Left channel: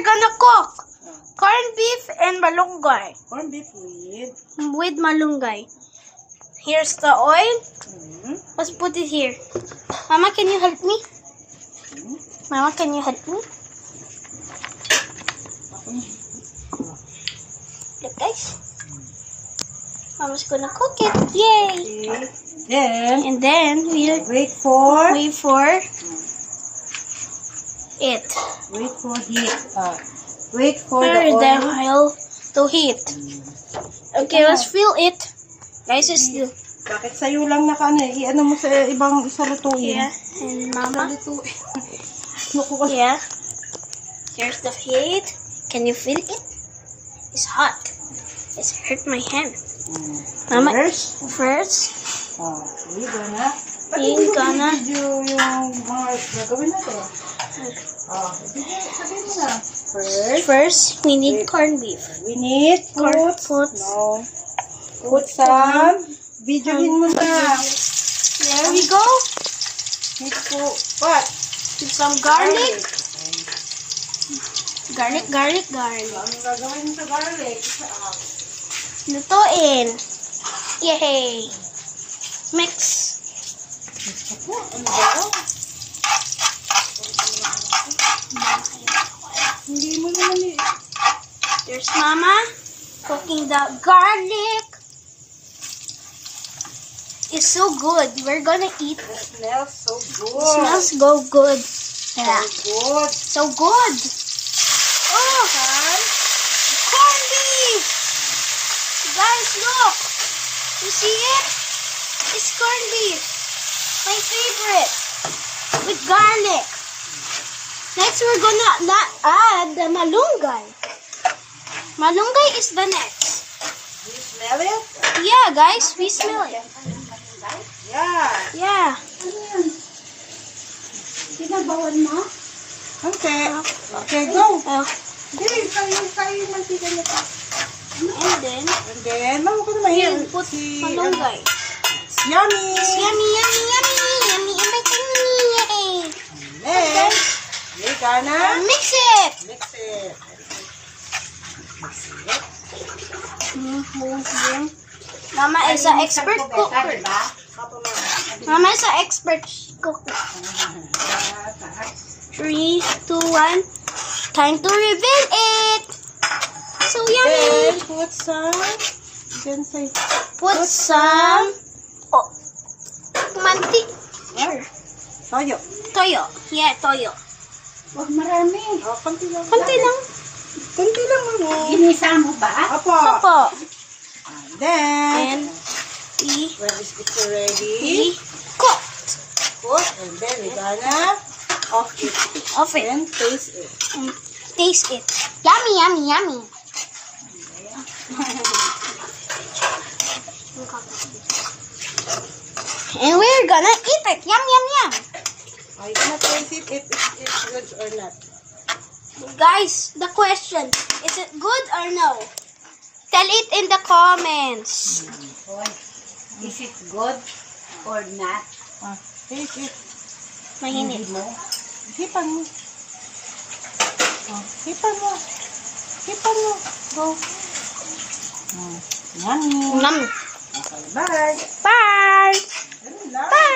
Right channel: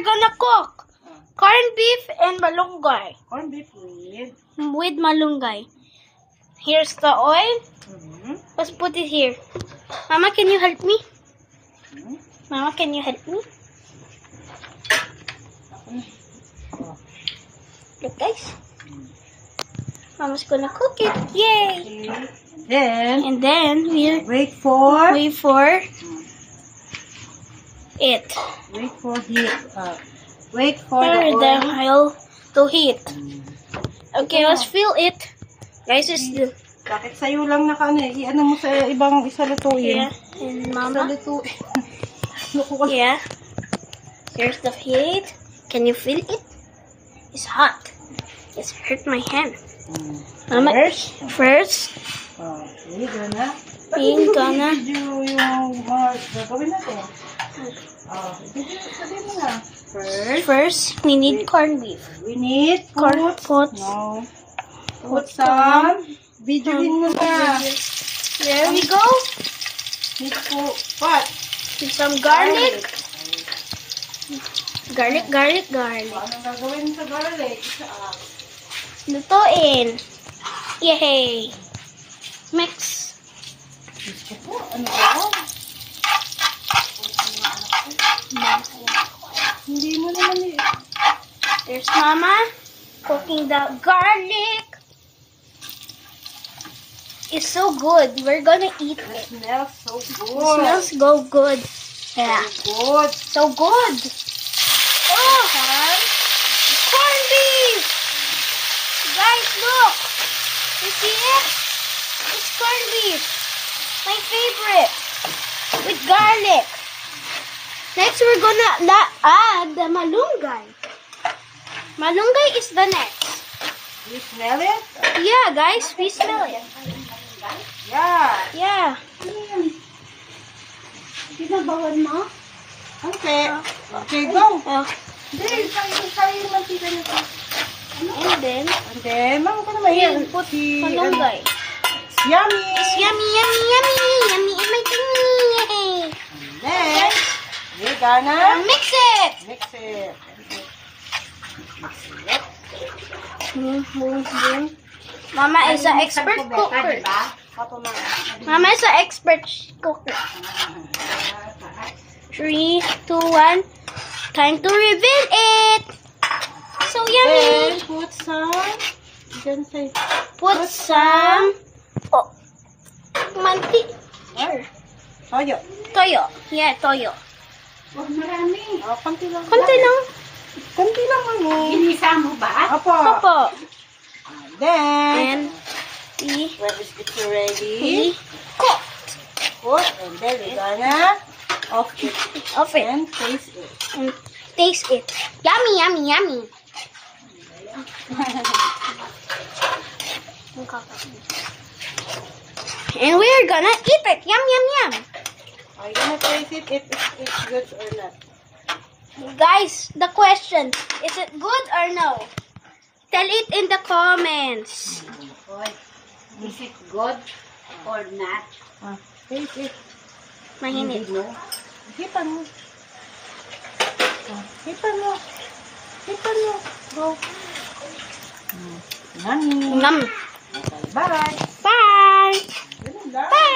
we're gonna cook corned beef and malunggay. Corned beef With malunggay. Here's the oil. mm, Let's put it here. Mama, can you help me? mm, Mama, can you help me? Look, guys. Mama's gonna cook it. Yay! okay. Then, And then we'll wait for wait for it. heat. Wait for For the the oil. oil to heat. Okay, let's fill it. Guys, it's the Bakit sa'yo lang i-ano mo sa ibang isalutuin? yeah. And Mama. Isalutuin. Naku, wala. Yeah. Here's the heat. Can you feel it? It's hot. It's hurt my hand. Mama, first we're gonna we're gonna video yung mga gagawin natin. Sabihin mo na. first we need corned beef. We need Put put some. Videohin mo na. there we go. Need to, what? With some garlic. Garlic. Anong gagawin sa garlic? Lutuin. Yay. Mix. Ano ba? Hindi mo naman There's Mama cooking the garlic. It's so good. We're gonna eat it. It smells so good. It smells good. Yeah. Good. So good. Oh, corned beef. Guys, look. You see it? It's corned beef. My favorite. With garlic. Next, we're gonna add the malunggay. Malunggay is the next. You smell it? Yeah, guys, we smell it. Yeah. Yeah. Pinabawan mo? Okay. Okay, go. Oh. And then, Ano ko naman we'll put malunggay. It's yummy. It's yummy in my tummy. Yay. Then, we're gonna Mix it. mix it. Boom. Mama is an expert cooker. Mama is an expert cooker. 3, 2, 1. Time to reveal it. So yummy. Then, put some. Then say, Put some manti. Sure. toyo. Toyo. Yeah, toyo. Oh, marami. Oh, konti lang. Konti lang. Konti lang, mami. Ginisa mo ba? Apo. Opo. Then, And we when it's ready, cooked. put, and then we're gonna off it. Off it. And taste it. And taste it. Yummy. And we're gonna eat it. Yum. Are you gonna taste it if it's good or not? Guys, the question, is it good or no? Tell it in the comments. Is it good or not? Taste it. Mahinit. Hindi mo. Hipan mo. Hipan mo. Go. Yummy. Yum. Okay, bye. Bye. Ganun lang. Bye.